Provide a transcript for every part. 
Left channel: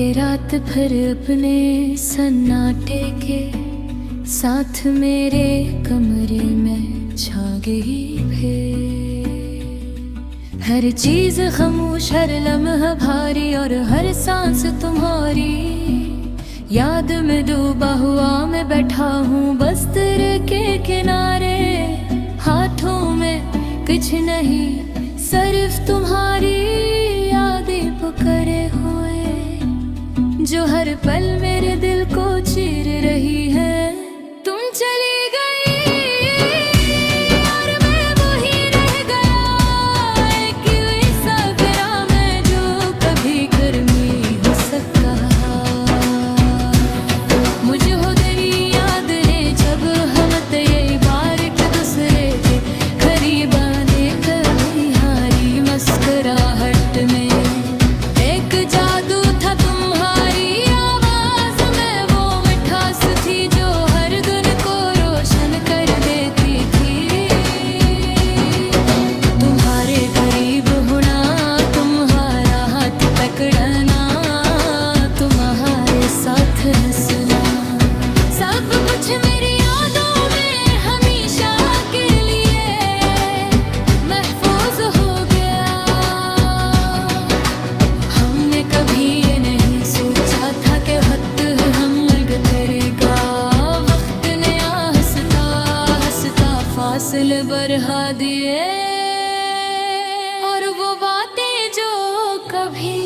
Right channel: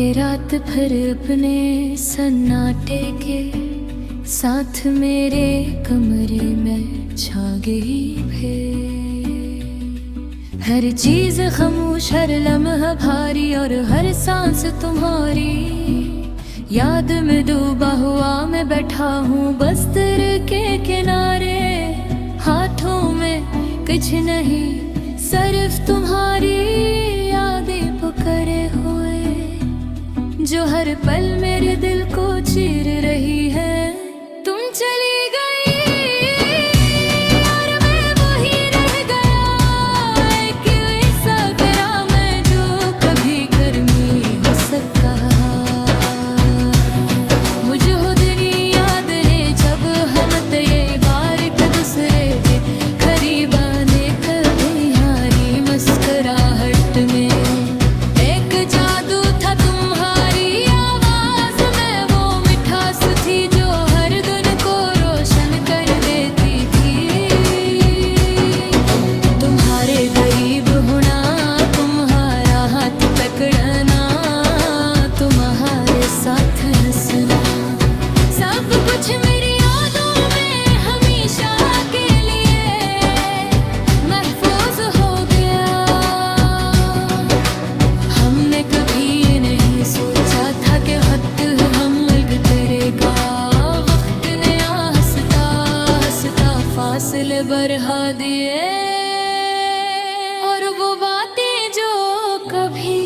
ये रात भर अपने सन्नाटे के साथ मेरे कमरे में छा गई फिर। हर चीज खामोश, हर लम्हा भारी और हर सांस तुम्हारी याद में डूबा हुआ मैं बैठा हूँ बस्तर के किनारे। हाथों में कुछ नहीं सिर्फ तुम्हारी यादें पुकारे हुए जो हर पल मेरे दिल को चीर रही है। तुम चली गई और मैं वही रह गया, एक ऐसा करा मैं जो कभी गर्मी हो सका। मुझे हो तेरी याद है जब हम थे बार एक दूसरे के करीब आने, कभी हारी मुस्कुराहट में एक जादू था तुम्हारी आवाज में, वो मिठास थी जो हर दिन को रोशन कर देती थी। तुम्हारे करीब होना, तुम्हारा हाथ पकड़ना, तुम्हारे साथ हंसना, सब कुछ मेरी यादों में हमेशा के लिए महफूज हो गया। हमने कभी ये नहीं सोचा था कि वक्त हम अलग करेगा। वक्त ने हंसता हंसता फासले बढ़ा दिए और वो बातें जो कभी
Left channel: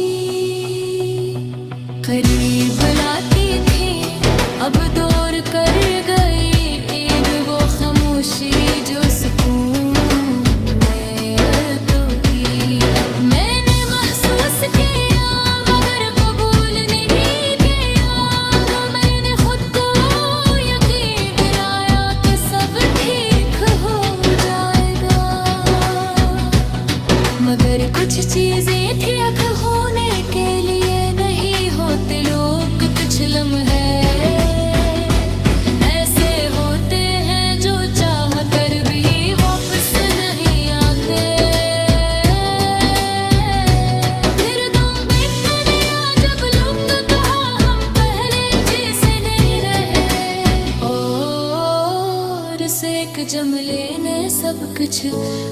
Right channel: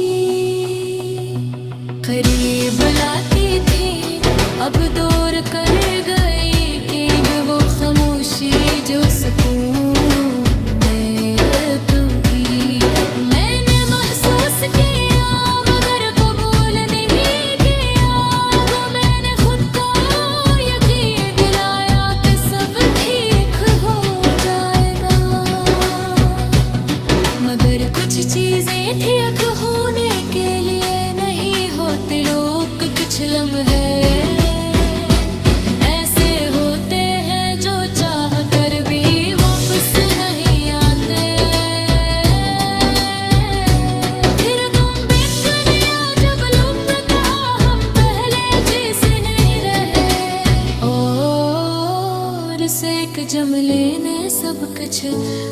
करीब लाती थी अब दूर कर गई। एक वो खामोशी जो सुकून में तो की मैंने महसूस किया मगर कबूल नहीं किया। वो मैंने खुद को यकीन दिलाया कि सब ठीक हो जाएगा, मगर कुछ चीजें थी अख होने के लिए नहीं होते लोग। कुछ लम्हे ऐसे होते हैं जो चाह कर भी वापस नहीं आते। फिर तुम बिखरे जब लोग कहा हम पहले जैसे नहीं रहे, और इस एक जुमले ने सब कुछ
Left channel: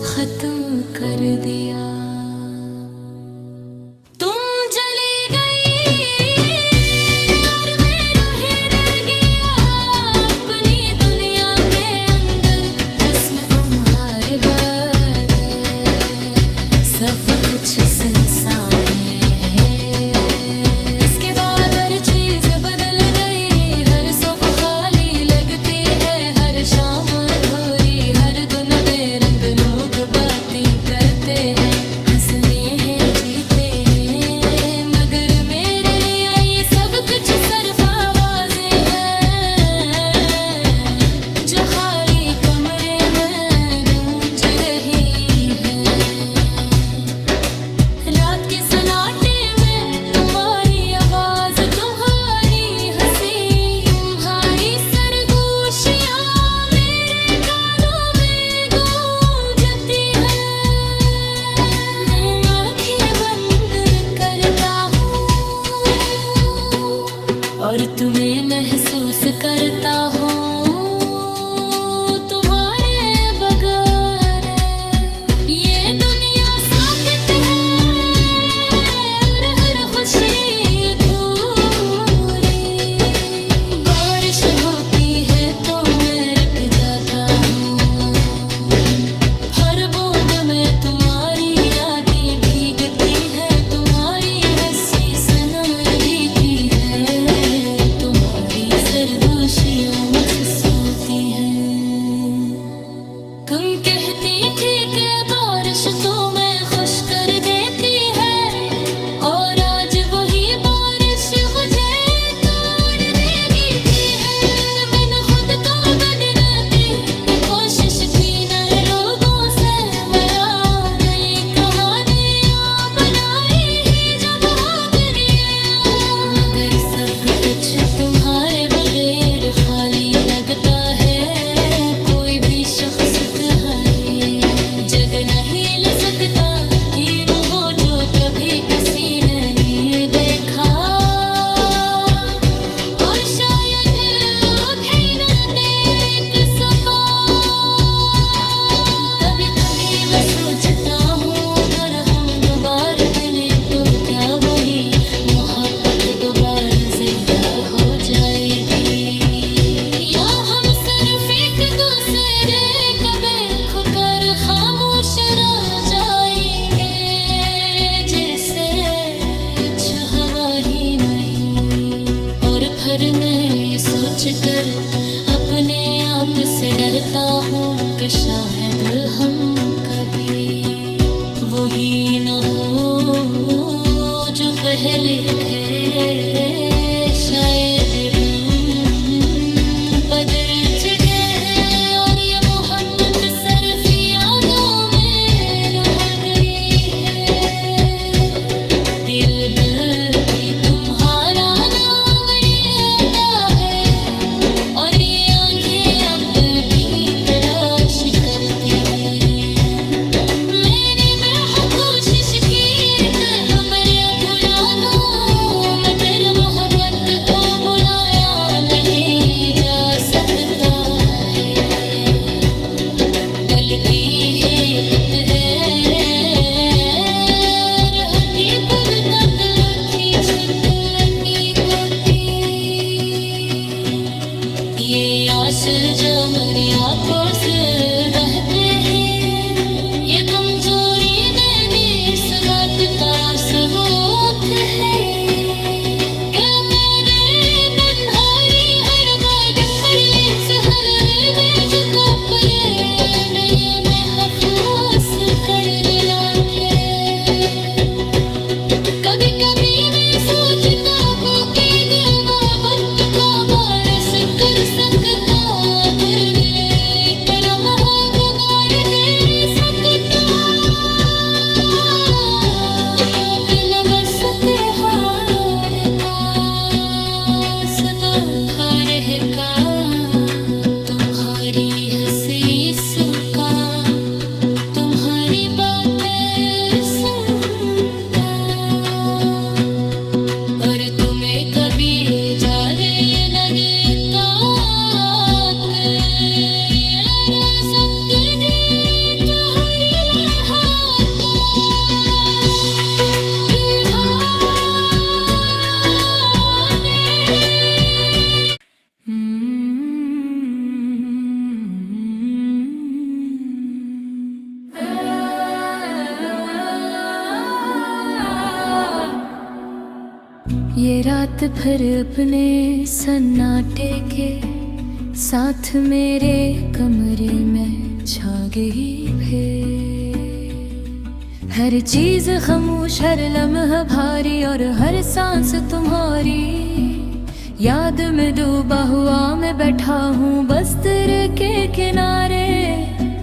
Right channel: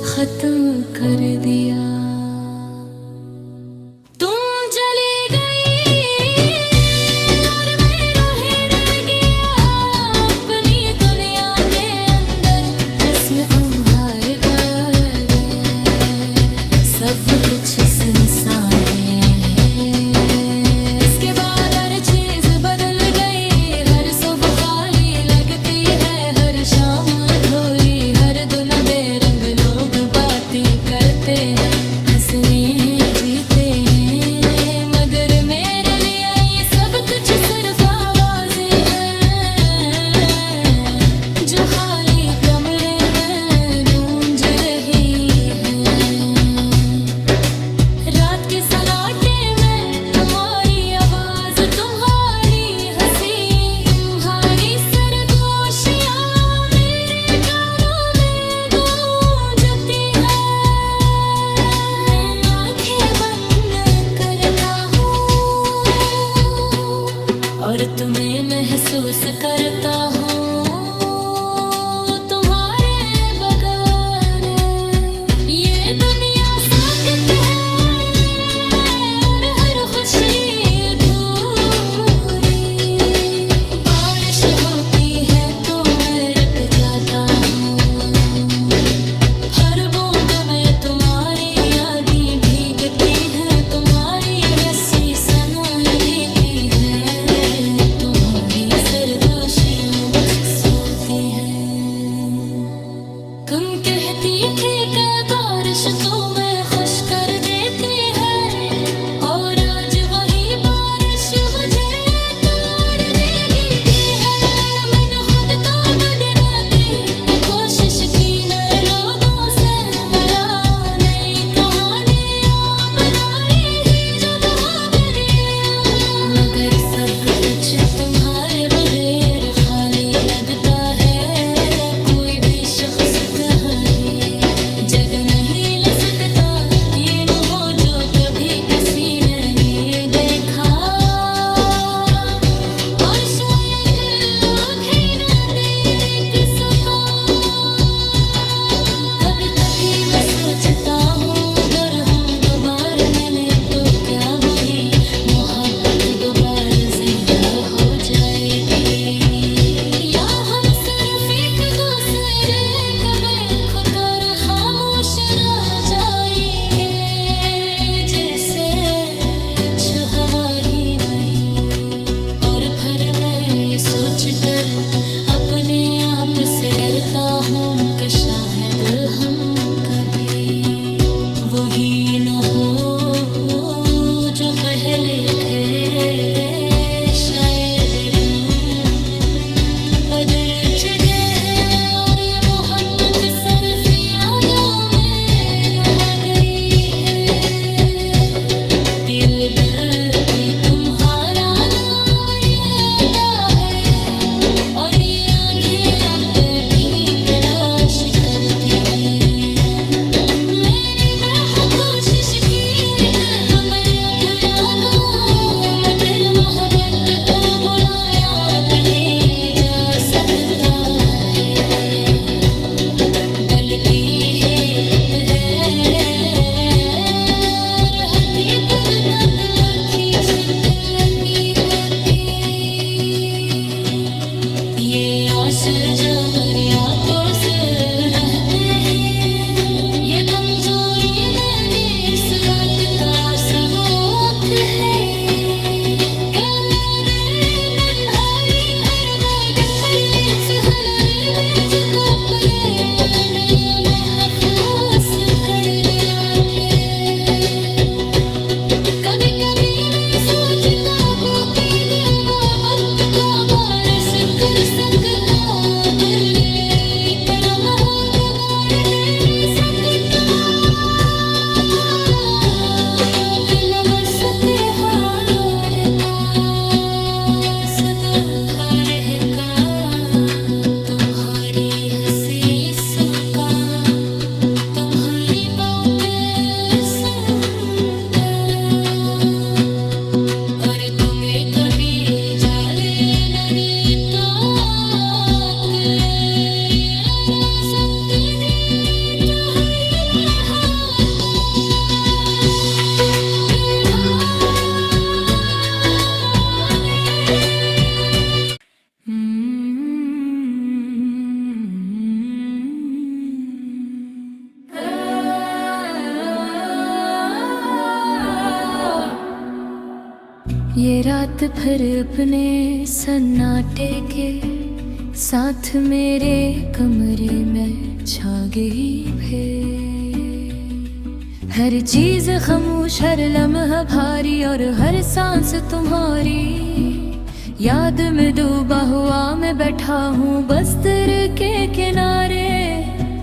खत्म कर दिया। सब कुछ सुनसान है, इसके बाद हर चीज बदल गई। हर सुबह खाली लगती है, हर शाम अधूरी, हर दिन बेरंग लोग बातें करते हैं, हंसने हैं जीते हैं, मगर मेरे लिए ये सब कुछ सिर्फ आवाजें हैं जो खाली कमरे में गूंज रही है। रात के सन्नाटे में तुम्हारी आवाज, तुम्हारी हंसी, तुम्हारी सरगोशियां मेरे कानों में गूंजती है। मैं आंखें बंद करता हूँ और तुम्हें महसूस करता हूँ तुम्हारे बगैर। ये दुनिया साकित है और हर खुशी अधूरी। बारिश होती है तो मैं रुक जाता हूँ, हर बूंद में तुम्हारी यादें भीगती है, तुम्हारी हंसी सुनाई देती है, तुम्हारी सरगोशियां महसूस होती हैं। तुम कहती थी कि बारिश तुम्हें खुश कर देती है, और आज वही बारिश मुझे तोड़ देती है। मैंने खुद को बदलने की कोशिश की, नए लोगों से मिला, नई कहानियां बनाई ही जो बहुत दिया, मगर सब कुछ तुम्हारे बगैर खाली लगता है। कोई भी शख्स तुम्हें जगह नहीं ले सकता कि न हो जो कभी किसी ने नहीं देखा। जाएगी, या हम सिर्फ एक दूसरे को देख कर खामोश रह जाएंगे, जैसे कुछ हवा ही नहीं। और फिर मैं ये सोच कर अपने आप से डरता हूँ कि शायद हम कभी वही न हो जो पहले थे, शायद बदल चुके हैं और ये मोहब्बत सिर्फ यादों में रह गई है। दिल भी तुम्हारा नाम लेता है और ये आंखें अब भी तलाश करती हैं। मैंने बहुत कोशिश की कि मैं भुला दूं, मगर मोहब्बत को भुलाया नहीं जा सकता है। गलती है खुद है, हकीकत कत्ल की छुट लगी होती। ये आंसू जो मेरे आंखों से बहते हैं, ये कमजोरी मेरी इस बात का सबूत है कि मेरे तन्हाई हर बात पर लेस हलने जो कपड़े नए महफूस कर दिलाते। कभी कभी मैं सोचता हूँ कि वक्त का बारिश कर सकता गिरने पर महबूबार दे सकता। दिल बस त्योहार का सदा रहेगा, तुम्हारी हंसी सुनका, तुम्हारी बात सुनका। और तुम्हें कभी जाने न देता कि ये सपने तुम्हारी ये रात फिर अपने सन्नाटे के साथ मेरे कमरे में छा गई फिर। हर चीज खामोश, हर लम्हा भारी और हर सांस तुम्हारी याद में डूबा हुआ मैं बैठा हूँ बस्तर के किनारे।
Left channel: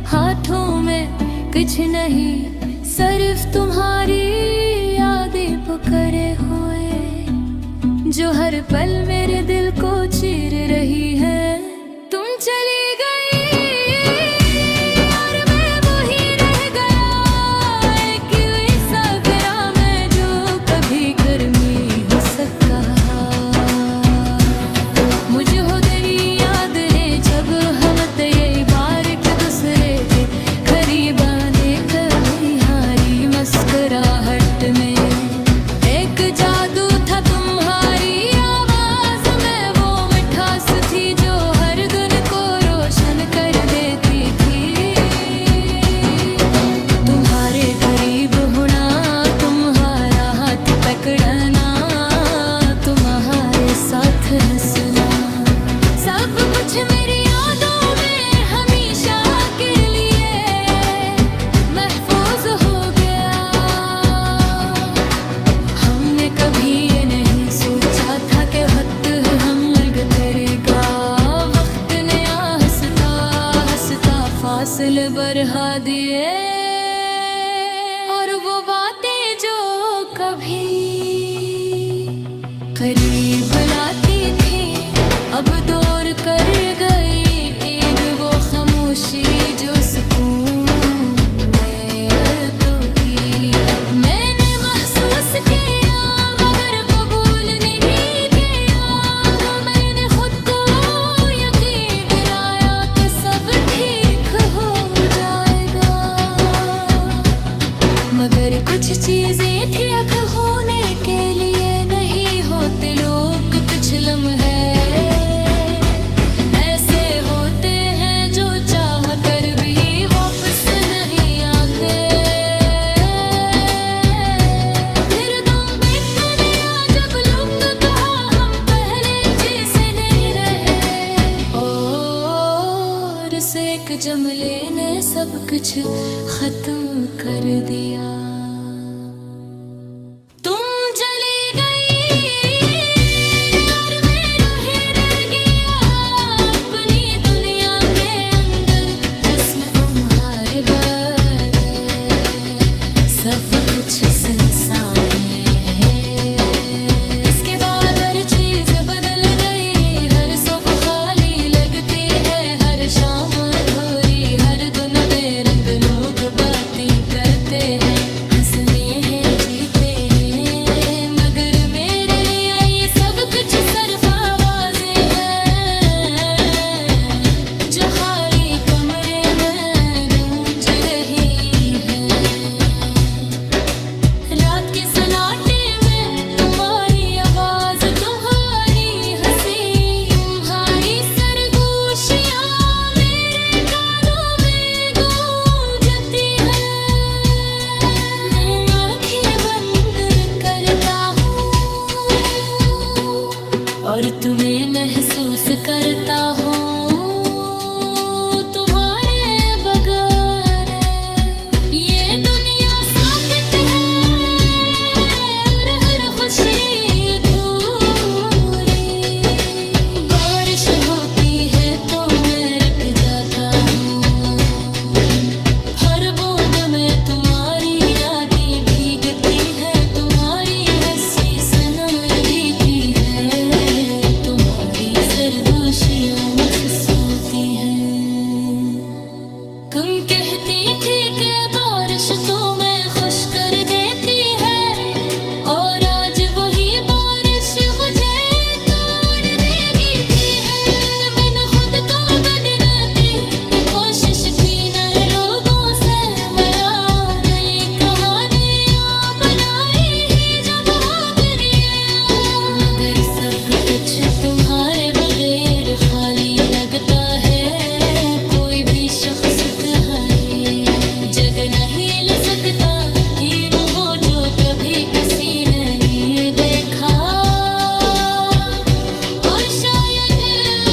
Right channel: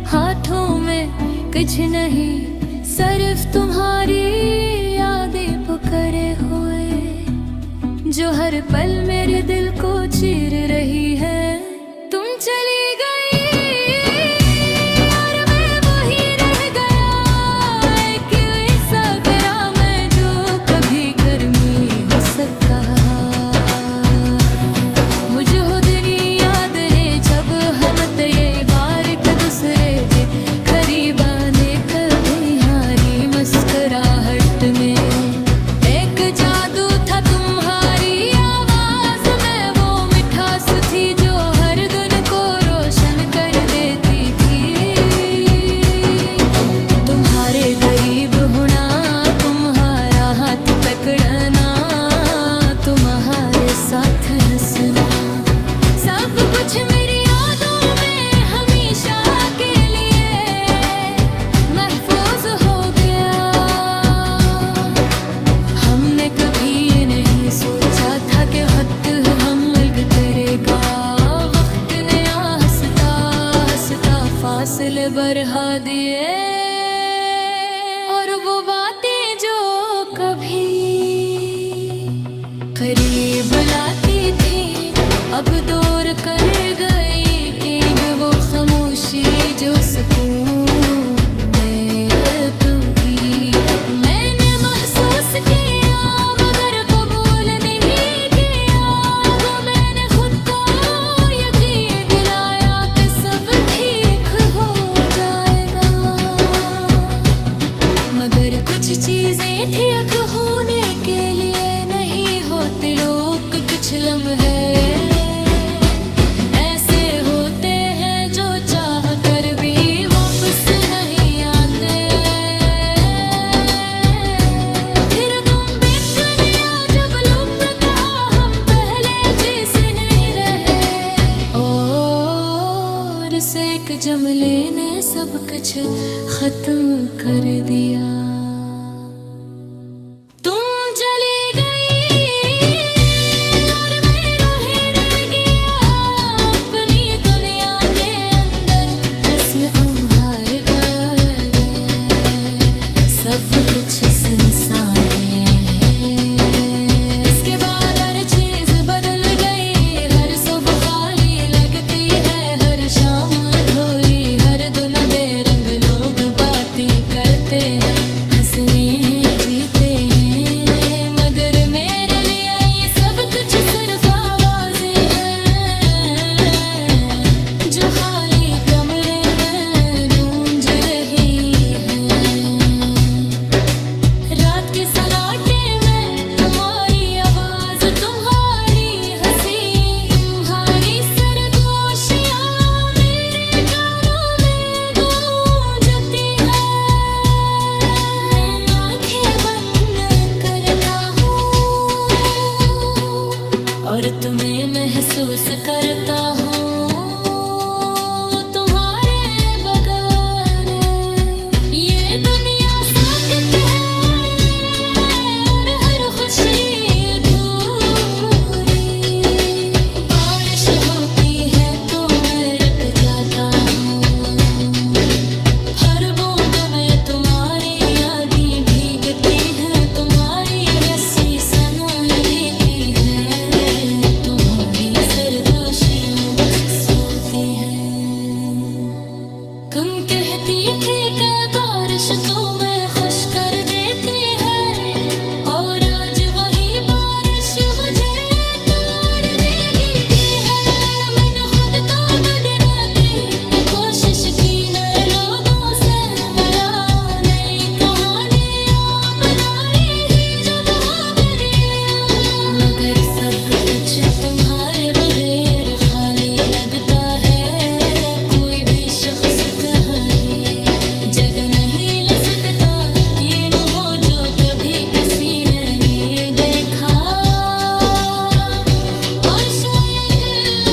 हाथों में कुछ नहीं सिर्फ तुम्हारी यादें पुकारे हुए, जो हर पल मेरे दिल को चीर रही है। तुम चली गई और मैं वही रह गया, एक ऐसा ग्राम है जो कभी गर्मी हो सकता। मुझे हो तेरी याद है जब हम ये बार एक दूसरे के करीब आने कभी हारी मुस्कुराहट में। एक जादू था तुम्हारी आवाज में, वो मिठास थी जो हर दिन को रोशन कर देती थी। तुम्हारे करीब होना, तुम्हारा हाथ पकड़ना, तुम्हारे साथ हंसना, सब कुछ मेरी यादों में हमेशा के लिए महफूज हो गया। हमने कभी ये नहीं सोचा था कि वक्त हम अलग करेगा। वक्त ने हंसता हंसता फासले बढ़ा दिए, और वो बातें जो कभी करीब लाती थी अब दूर कर गई। एक वो खामोशी जो सुकून में तो की मैंने महसूस किया मगर कबूल नहीं किया। वो मैंने खुद को यकीन दिलाया कि सब ठीक हो जाएगा, मगर कुछ चीजें थी अख होने के लिए नहीं होते लोग कुछ लम्हे। फिर से एक जमले ने सब कुछ खत्म कर दिया। तुम चली गई और मैं रोहे रह गया अपनी दुनिया के अंदर, जिसमें तुम्हारे बगैर सब कुछ सुनसान है। इसके बाद हर चीज बदल गई, हर सुबह खाली लगती है, हर शाम अधूरी, हर दिन बेरंग लोग बातें करते हैं, हंसने हैं जीते हैं, मगर मेरे लिए ये सब कुछ सिर्फ आवाजें हैं जो खाली कमरे में गूंज रही है। रात के सन्नाटे में तुम्हारी आवाज, तुम्हारी हंसी, तुम्हारी सरगोशियां मेरे कानों में गूंजती है। मैं आंखें बंद करता हूँ और तुम्हें महसूस करता हूँ तुम्हारे बगैर। ये दुनिया साकित है और हर खुशी अधूरी, बारिश होती है तो मैं रुक जाता हूँ, हर बूंद में तुम्हारी यादें भीगती है, तुम्हारी हंसी सुनाई देती है, तुम्हारी सरगोशियां महसूस होती हैं। तुम कहती थी कि बारिश तुम्हें खुश कर देती है, और आज वही बारिश मुझे तोड़ देगी भी है। मैंने खुद को बदलने की कोशिश की, नए लोगों से मिला, नई कहानियां बनाई ही जो बहुत दिया, मगर सब कुछ तुम्हारे बगैर खाली लगता है। कोई भी शख्स तुम्हें जग नहीं ले सकता कि न हो जो कभी किसी ने नहीं देखा, और शायद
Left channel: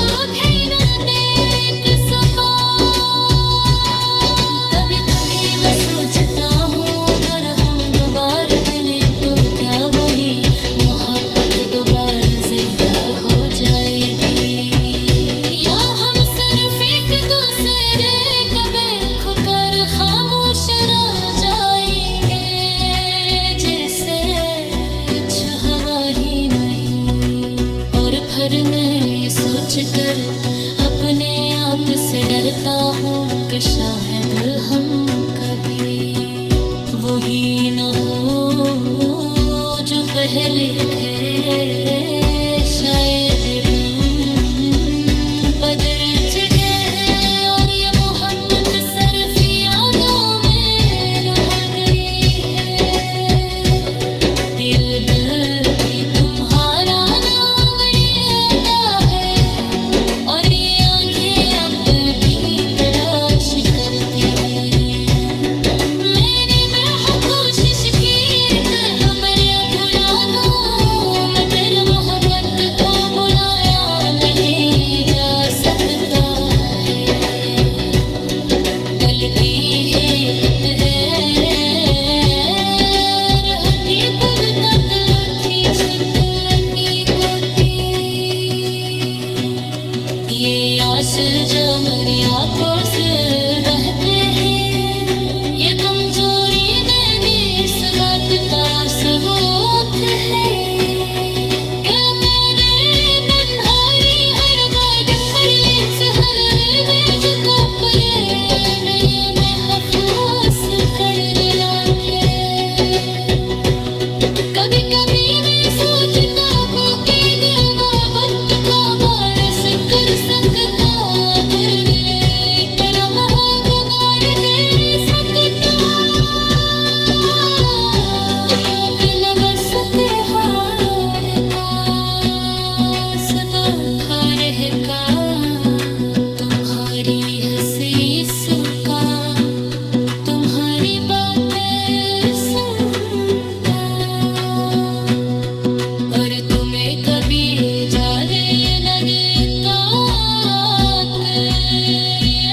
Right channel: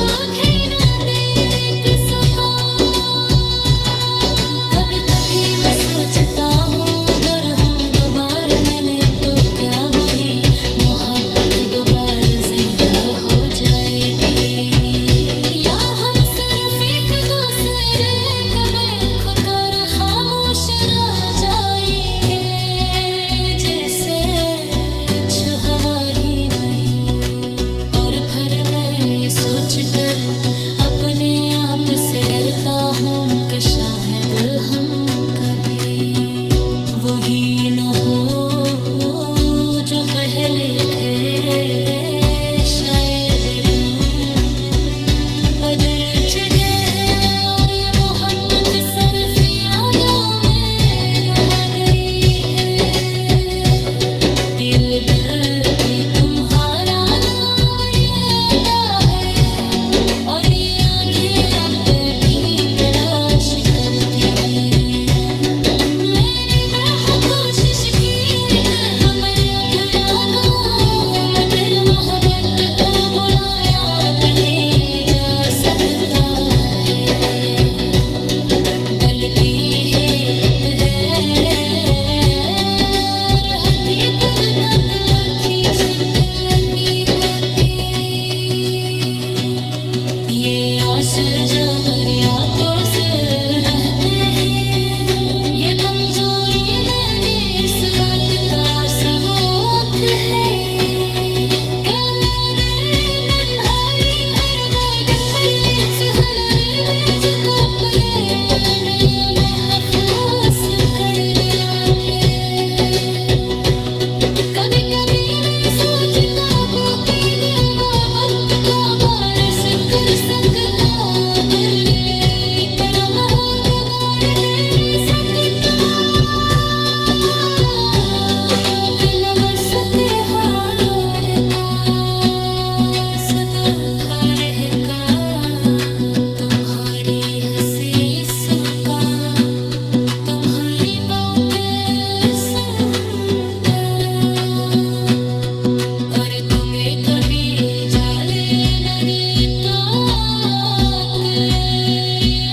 आँखें न देख सका। कभी कभी मैं सोचता हूँ अगर हम दोबारा मिले तो क्या वही मोहब्बत दोबारा जिंदा हो जाएगी, या हम सिर्फ एक दूसरे को देख कर खामोश रह जाएंगे, जैसे कुछ हवा ही नहीं। और फिर मैं ये सोच कर अपने आप से डरता हूँ कि शायद हम कभी वही न हो जो पहले थे। शायद बदल चुके हैं और ये मोहब्बत सिर्फ यादों में रह गई है। दिल भी तुम्हारा नाम लेता है और ये आंखें अब भी तलाश करती हैं। मैंने बहुत कोशिश की कि मैं भुला दूं, मगर मोहब्बत को भुलाया नहीं जा सकता है। गलती है हकीकत लुची छुट लगी होती। ये आंसू जो मेरी आंखों से बहते हैं, ये कमजोरी मेरी इस बात का सबूत है कि मेरे तन्हाई हर बात पर सहल में जो कपड़े नए महफूस कर दिलाते। कभी कभी मैं सोचता हूँ कि मोहब्बत का बारिश कर सकता, गिरने करम है बार दे सकता। कल बस त्योहार का सबाखार है का, तुम्हारी हंसी सुका, तुम्हारी बात सुनता, और तुम्हें कभी जाने न देता कि ये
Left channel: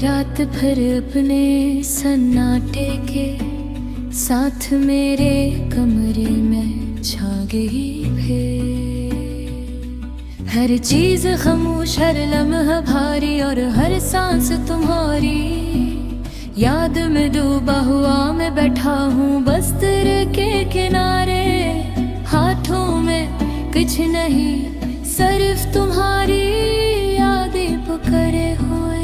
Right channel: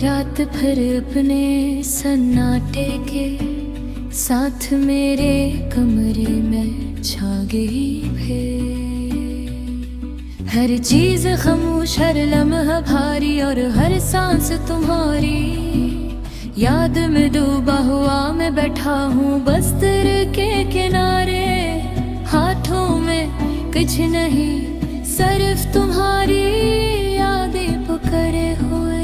रात भर अपने सन्नाटे के साथ मेरे कमरे में छा गई फिर। हर चीज खामोश, हर लम्हा भारी और हर सांस तुम्हारी याद में डूबा हुआ मैं बैठा हूँ बस्तर के किनारे। हाथों में कुछ नहीं सिर्फ तुम्हारी यादें पुकारे हुए,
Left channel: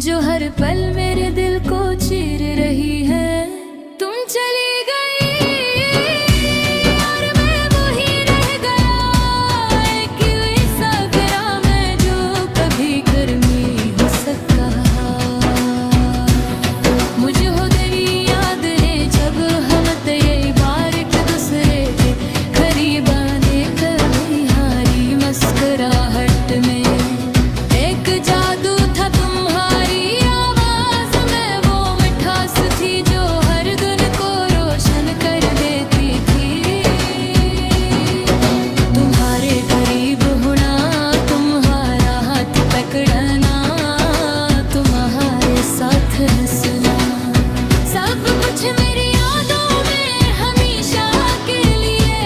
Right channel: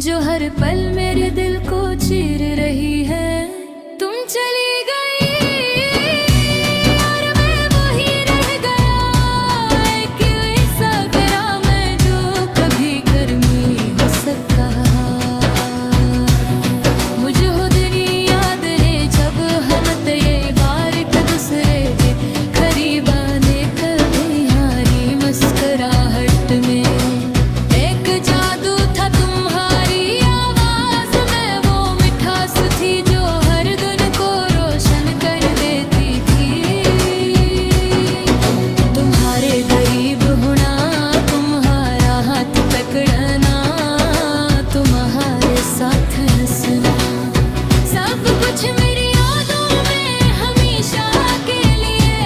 जो हर पल मेरे दिल को चीर रही है। तुम चली गई और मैं वही रह गया, एक ऐसा ग्राम है जो कभी गर्मी हो सका। मुझे हो दिन याद है जब हम ये बार एक दूसरे के करीब आने, कभी हारी मुस्कुराहट में एक जादू था तुम्हारी आवाज में, वो मिठास थी जो हर दिन को रोशन कर देती थी। तुम्हारे करीब होना, तुम्हारा हाथ पकड़ना, तुम्हारे साथ हंसना, सब कुछ मेरी यादों में हमेशा के लिए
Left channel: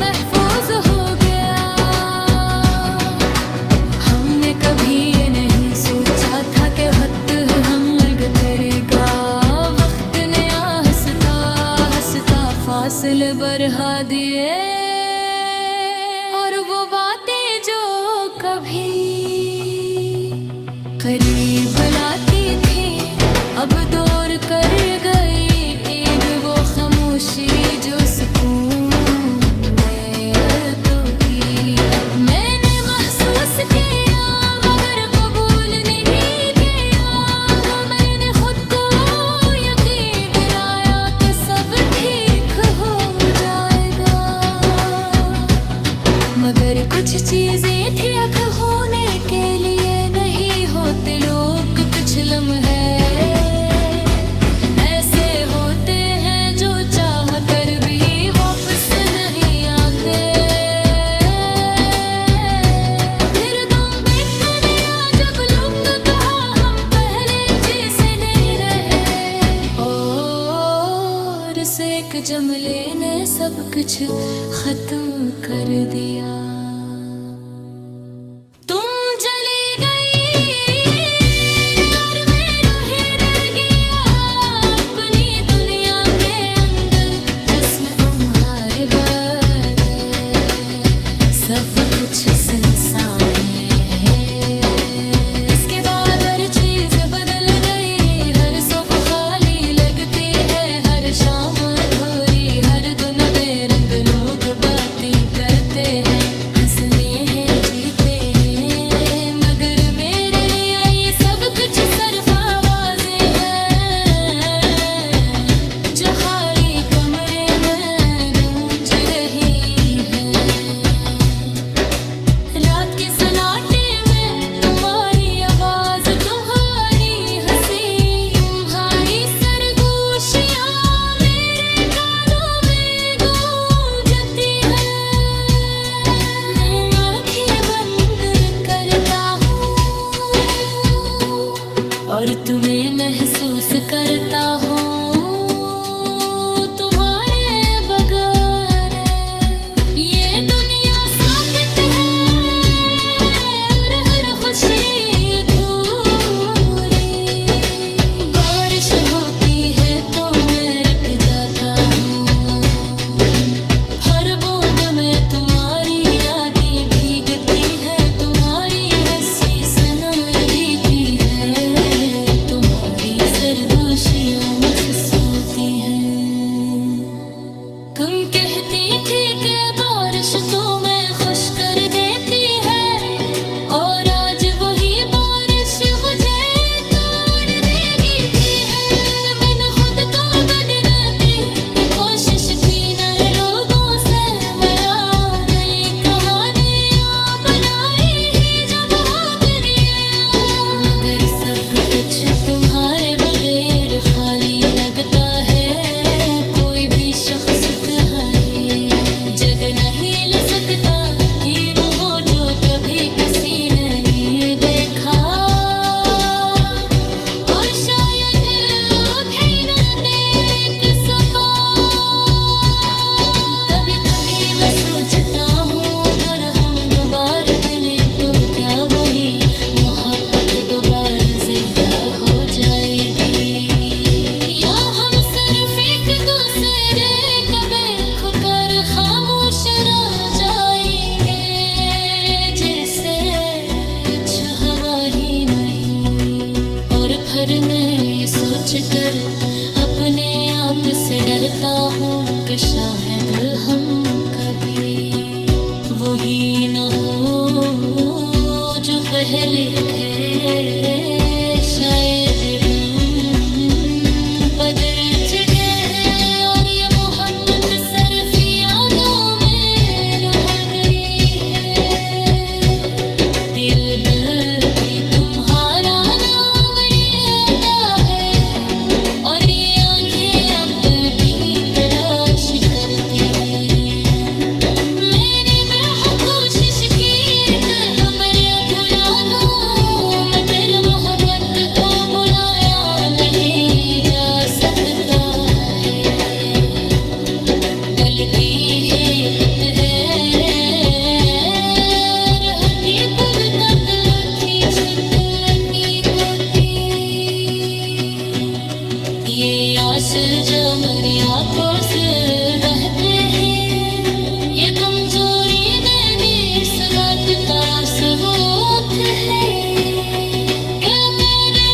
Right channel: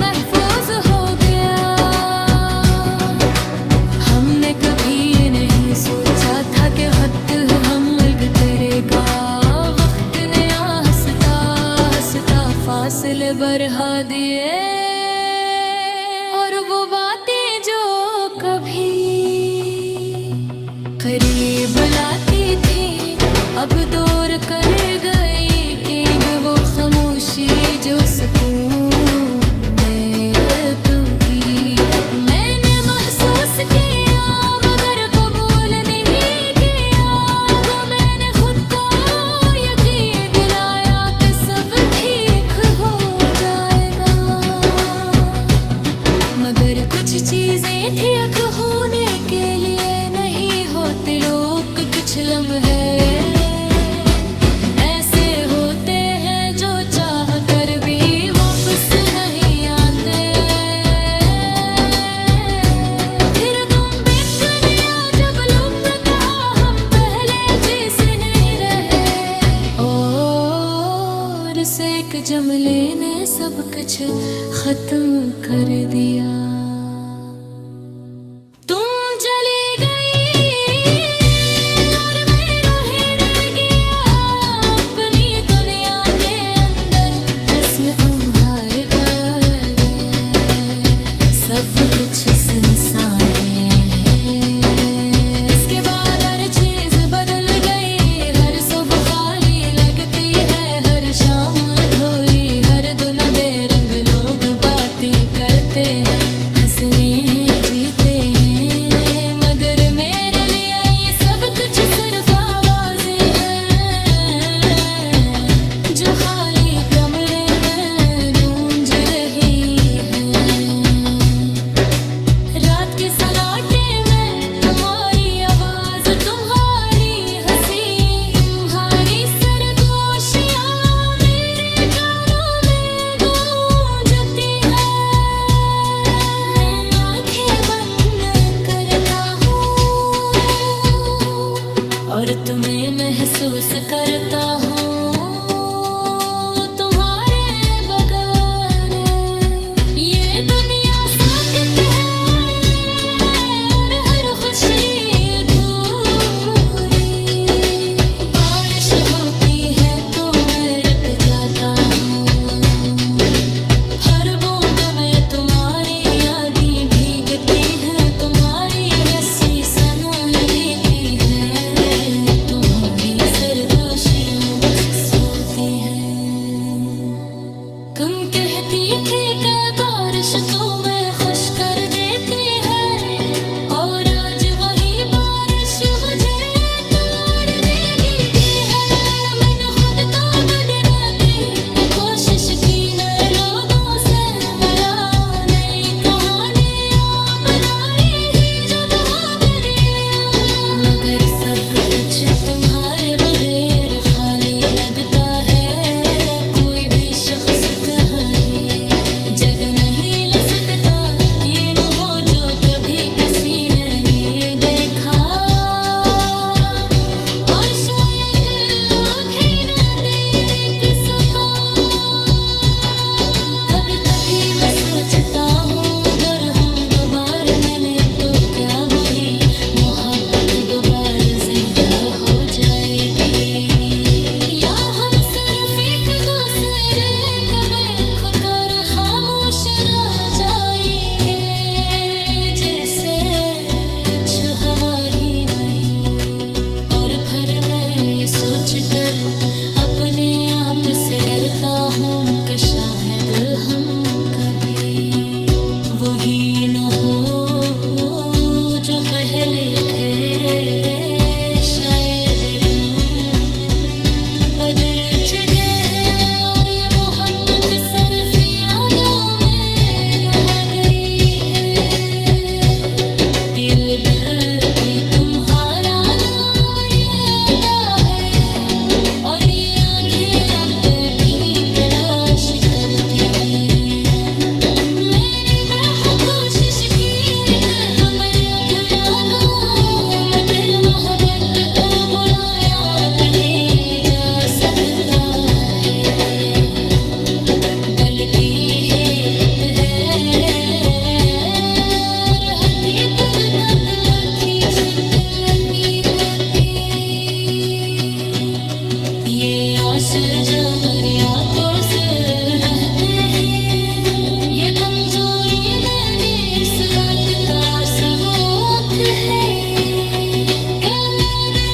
महफूज हो गया। हमने कभी ये नहीं सोचा था कि वक्त हम अलग करेगा। वक्त ने हंसता हंसता फासले बढ़ा दिए, और वो बातें जो कभी करीब लाती थी अब दूर कर गई। एक वो खामोशी जो सुकून में तो ही मैंने महसूस किया, मगर कबूल नहीं किया। वो मैंने खुद को यकीन दिलाया कि सब ठीक हो जाएगा, मगर कुछ चीजें थी अख होने के लिए नहीं होते लोग। कुछ लम्हे ऐसे होते हैं जो चाह कर भी वापस नहीं आते। फिर तुम बिक गया जब लोग कहा हम पहले जैसे नहीं रहे, और इस एक जुमले ने सब कुछ खत्म कर दिया। तुम चली गई और मैं रोहे रह गया अपनी दुनिया के अंदर, जिसमें तुम्हारे बगैर सब कुछ सुनसान है। इसके बाद हर चीज बदल गई, हर सुबह खाली लगती है, हर शाम अधूरी, हर दिन बेरंग लोग बातें करते हैं, हंसने हैं जीते हैं, मगर मेरे लिए ये सब कुछ सिर्फ आवाजें हैं जो खाली कमरे में गूंज रही है। रात के सन्नाटे में तुम्हारी आवाज, तुम्हारी हंसी, तुम्हारी सरगोशियां मेरे कानों में गूंजती है। मैं आंखें बंद करता हूँ और तुम्हें महसूस करता हूँ तुम्हारे बगैर। ये दुनिया साकित है और हर खुशी अधूरी। बारिश होती है तो मैं रुक जाता हूँ, हर बूंद में तुम्हारी यादें भीगती है, तुम्हारी हंसी सनाई देती है, तुम्हारी सरगोशियां महसूस होती हैं। तुम कहती थी कि बारिश तुम्हें खुश कर देती है, और आज वही बारिश मुझे तोड़ देती है। मैंने खुद को बदलने की कोशिश की, नए लोगों से मिला, नई कहानियां बनाई ही जो बहुत गया, मगर सब कुछ तुम्हारे बगैर खाली लगता है। कोई भी शख्स तुम्हारी जगह नहीं ले सकता, कि हो जो कभी किसी ने नहीं देखा। सोच कर अपने आप से डरता हूँ कि शायद हम कभी वही न हो जो पहले थे। शायद बदल चुके हैं और ये मोहब्बत सिर्फ यादों में रह गई है। दिल भी तुम्हारा नाम लेता है और ये आंखें अब भी तलाश करती हैं। मैंने बहुत कोशिश की कि हमें भुला दूं, मगर मोहब्बत को भुलाया नहीं जा सकता है। गलती हिकत है हकीकत तक लुची छुट लगी होती। ये आंसू जो मेरे आंखों से बहते हैं, ये कमजोरी मेरी इस बात का सबूत है। क्या मेरे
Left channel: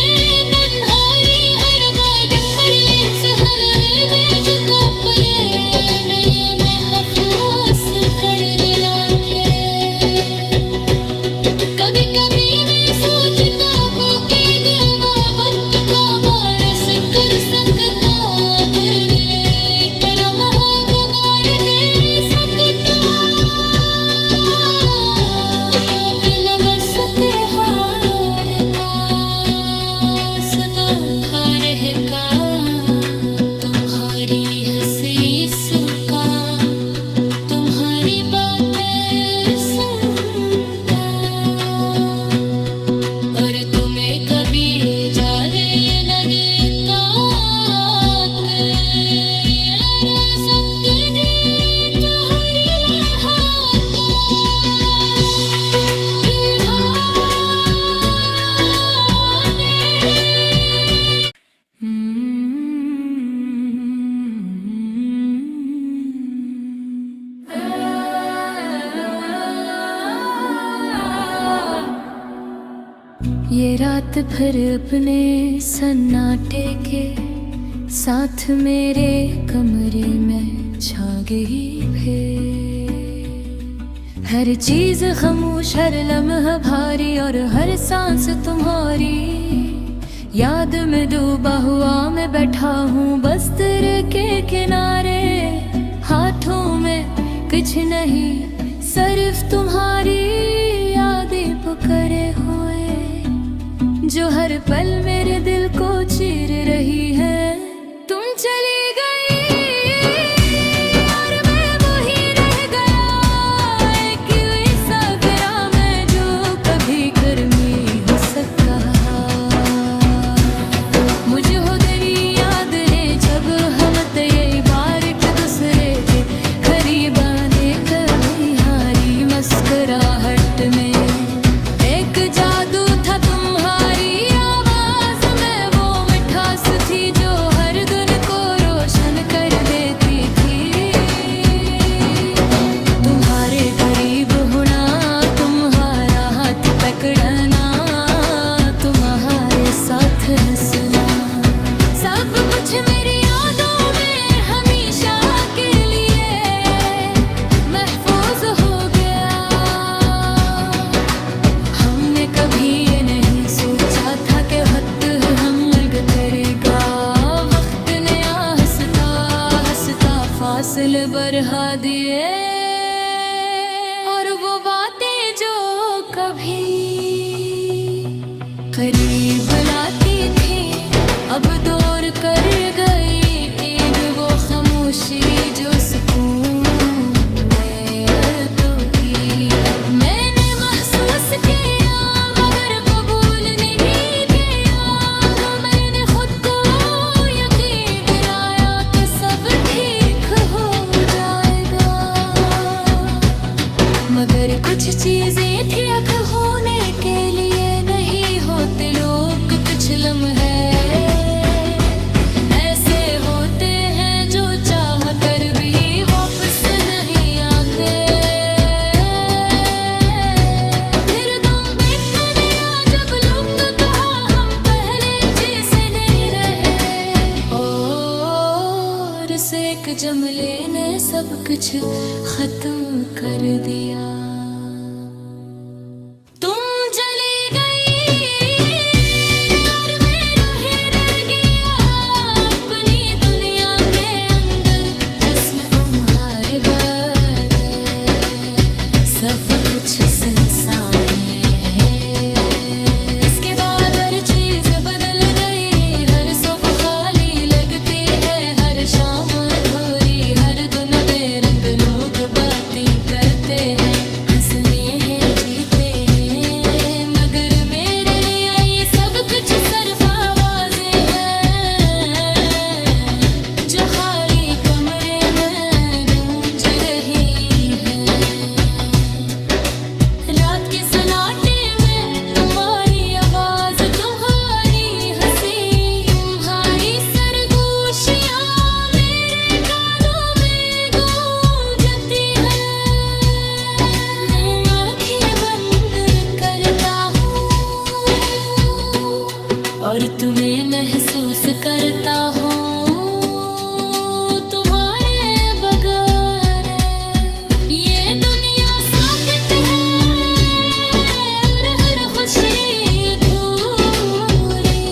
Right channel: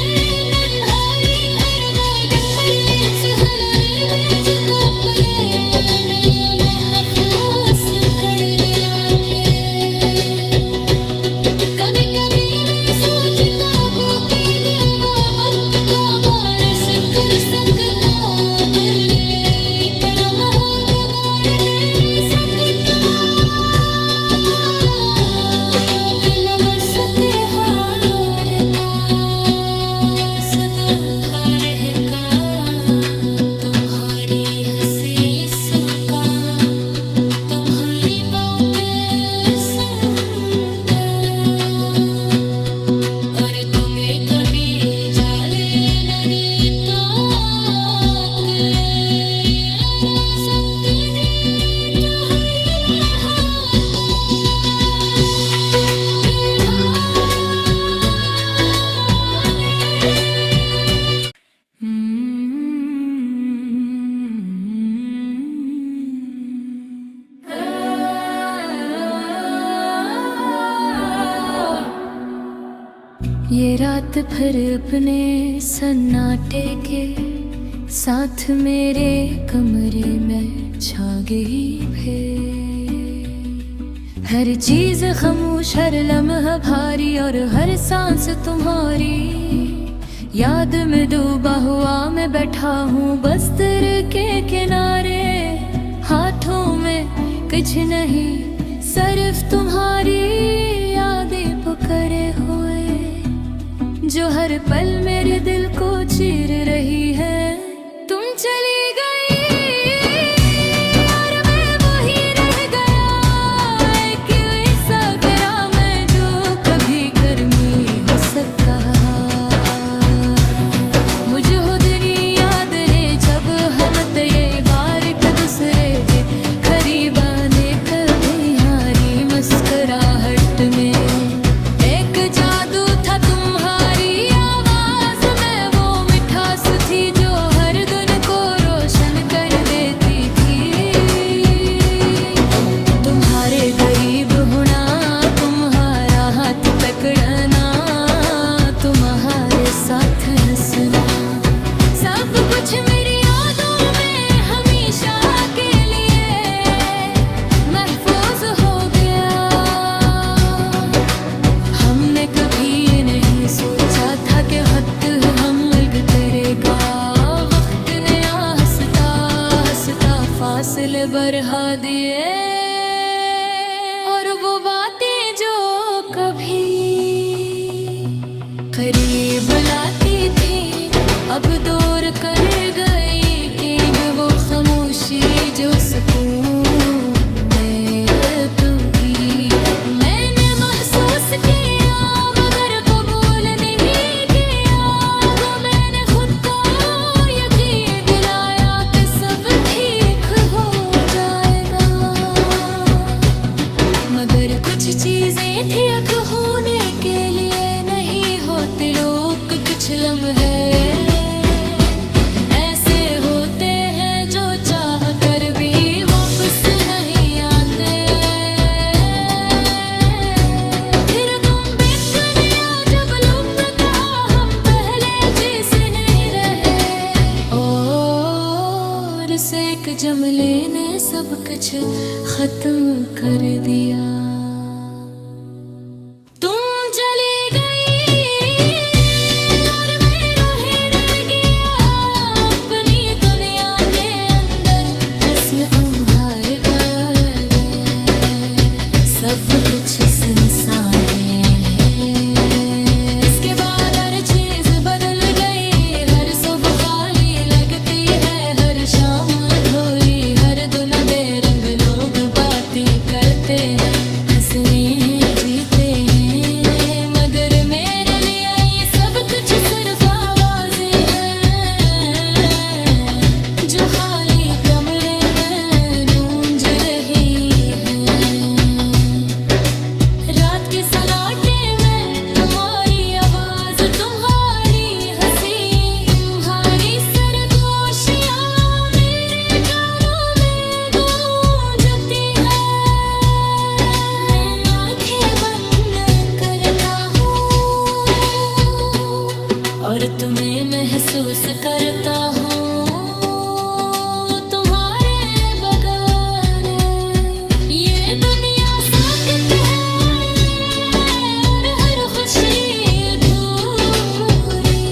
तन्हाई हर बात पर सहल है मैं जो कपड़े ये महफूस कर दिला के। कभी कभी मैं सोचता हूँ कि दिल मोहब्बत को वारिस कर सकता, फिर एक लम्हा गुजार दे सकता। दिल बस त्योहार का सदा रहेगा, तुम्हारी हंसी सुका तुम्हारी बातें सुनता। और तुम्हें कभी जाने न देता कि ये रज़म तेरी तुम्हारी महाता। ये रात फिर अपने सन्नाटे के साथ मेरे कमरे में छा गई फिर। हर चीज खामोश, हर लम्हा भारी और हर सांस तुम्हारी याद में डूबा हुआ मैं बैठा हूँ बस्तर के किनारे। हाथों में कुछ नहीं सिर्फ तुम्हारी यादें पुकारे हुए, जो हर पल मेरे दिल को चीर रही है। तुम चली गई और मैं वही रह गया, एक ऐसा गया मैं जो कभी गर्मी हो सका। मुझे हो तेरी याद है जब हम ये बार एक दूसरे के करीब आने कभी हारी मुस्कुराहट में। एक जादू था तुम्हारी आवाज में, वो मिठास थी जो हर दिन को रोशन कर देती थी। तुम्हारे करीब होना, तुम्हारा हाथ पकड़ना, तुम्हारे साथ हंसना, सब कुछ मेरी यादों में हमेशा के लिए महफूज हो गया। हमने कभी ये नहीं सोचा था कि वक्त हम अलग करेगा। वक्त ने हंसता हंसता फासले बढ़ा दिए, और वो बातें जो कभी करीब लाती थी अब दूर कर गई। एक वो खामोशी जो सुकून में तो गिरी। मैंने महसूस किया मगर कबूल नहीं किया, वो मैंने खुद को यकीन दिलाया कि सब ठीक हो जाएगा। मगर कुछ चीजें थी अख होने के लिए नहीं होते लोग। कुछ लम्हे ऐसे होते हैं जो चाह कर भी वापस नहीं आते। फिर तुम बिखर गया जब लोग कहा हम पहले जैसे नहीं रहे। फिर से एक जमले ने सब कुछ खत्म कर दिया। तुम चली गई और मेरा ही रह गया अपनी दुनिया के अंदर, जिसमें तुम्हारे बगैर सब कुछ सुनसान है। इसके बाद हर चीज बदल गई, हर सुबह खाली लगती है, हर शाम अधूरी, हर दिन बेरंग लोग बातें करते हैं, हंसने हैं जीते हैं, मगर मेरे लिए ये सब कुछ सिर्फ आवाजें हैं जो खाली कमरे में गूंज रही है। रात के सन्नाटे में तुम्हारी आवाज, तुम्हारी हंसी, तुम्हारी सरगोशियां मेरे कानों में गूंजती है। मैं आंखें बंद करता हूँ और तुम्हें महसूस करता हूँ तुम्हारे बगैर। ये दुनिया साकित है और हर खुशी अधूरी,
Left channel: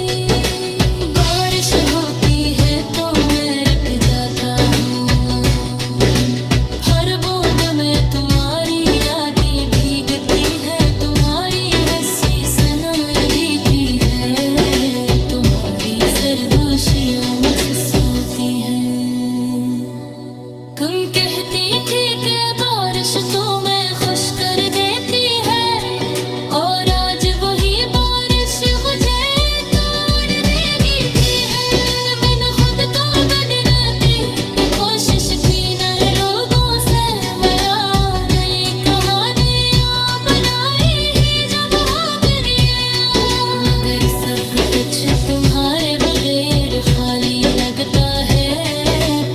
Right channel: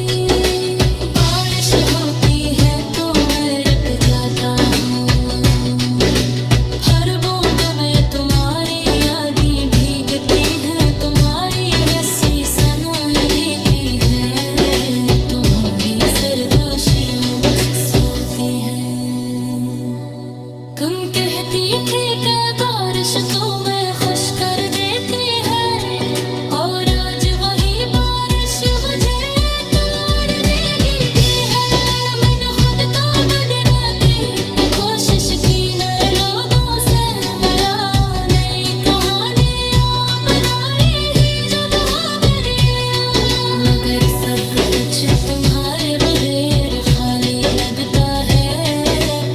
बारिश होती है तो मैं रुक जाता हूँ, हर बूंद में तुम्हारी यादें भीगती है, तुम्हारी हंसी सुनाई देती है, तुम्हारी सरगोशियां महसूस होती हैं। तुम कहती थी कि बारिश तुम्हें खुश कर देती है, और आज वही बारिश मुझे तोड़ देती है। मैंने खुद को बदलने की कोशिश की, नए लोगों से मिला, नई कहानियां बनाई ही जो बहुत गया, मगर सब कुछ तुम्हारे बगैर खाली लगता है।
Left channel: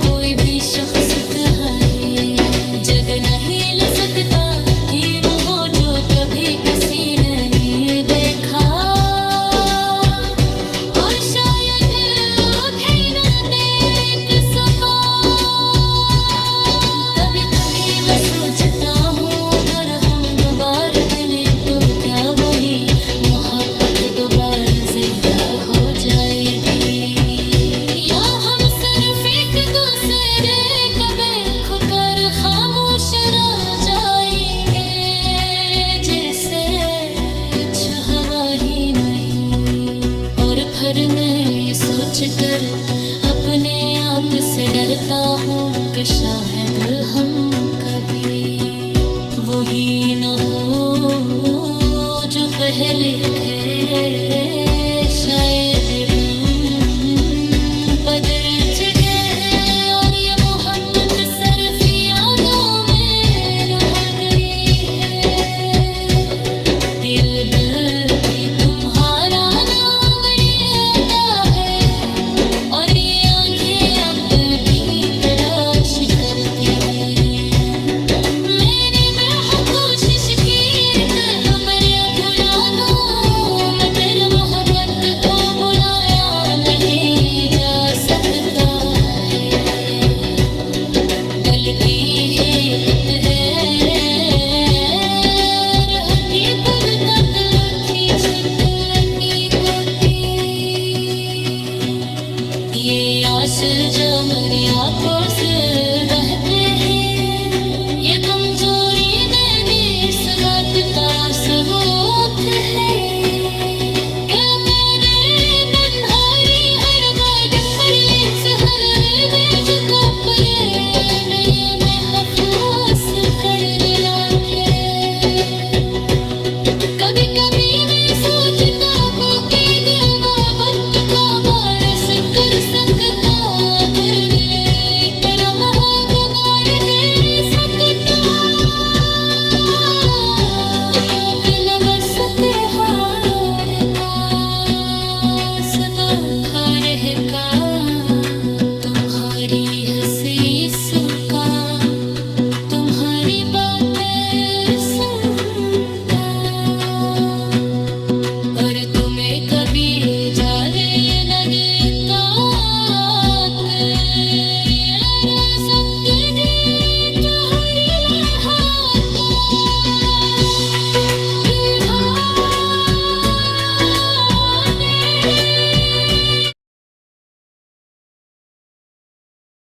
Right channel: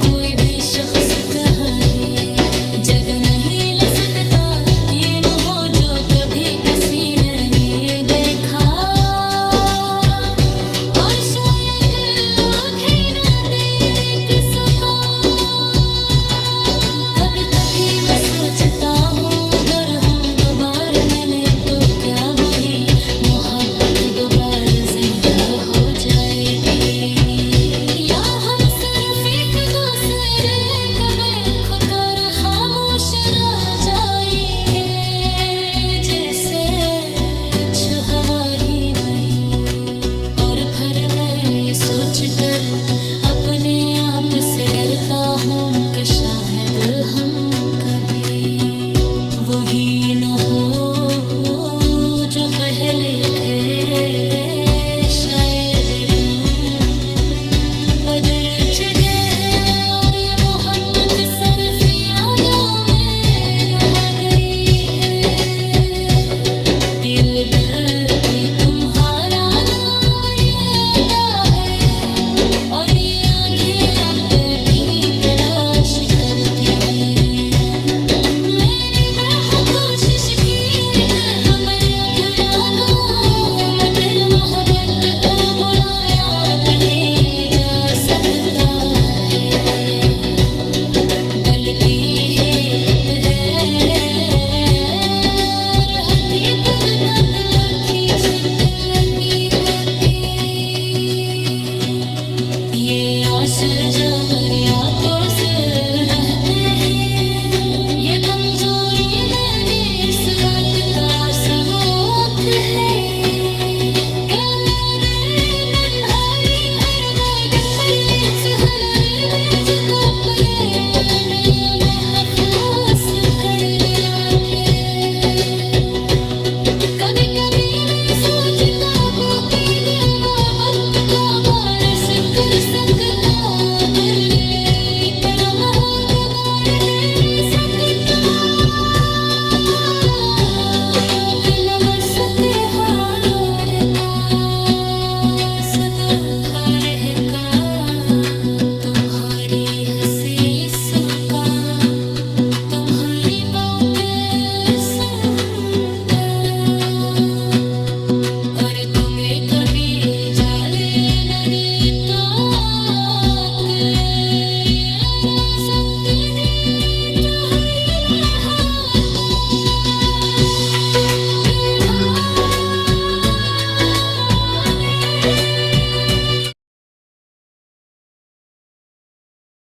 कोई भी शख्स तुम्हारी जगह नहीं ले सकता, कि न हो जो कभी किसी ने नहीं देखा, और शायद आँखें न देख सका। कभी कभी मैं सोचता हूँ अगर हम दोबारा मिले तो क्या वही मोहब्बत दोबारा जिंदा हो जाएगी, या हम सिर्फ एक दूसरे को देख कर खामोश रह जाएंगे, जैसे कुछ हवा ही नहीं। और फिर मैं ये सोच कर अपने आप से डरता हूँ कि शायद हम कभी वही न हो जो पहले थे, शायद बदल चुके हैं और ये मोहब्बत सिर्फ यादों में रह गई है। दिल भी तुम्हारा नाम लेता है, और ये आंखें अब भी तलाश करती हैं। मैंने बहुत कोशिश की कि हमें भुला दूं, मगर मोहब्बत को भुलाया नहीं जा सकता है। गलती ही खुद है, हकीकत तक लुटी छुट लगी होती। ये आंसू जो मेरी आंखों से बहते हैं, ये कमजोरी मेरी इस बात का सबूत है। क्या मेरे तन्हाई हर बात पर सहल में जो कपड़े नए महफूज कर दिलाते। कभी कभी मैं सोचता हूँ कि मोहब्बत को बारिश कर सकता, करने करम गुजार दे सकता, कल बस त्योहार का सदा खार का तुम्हारी हंसी सुका।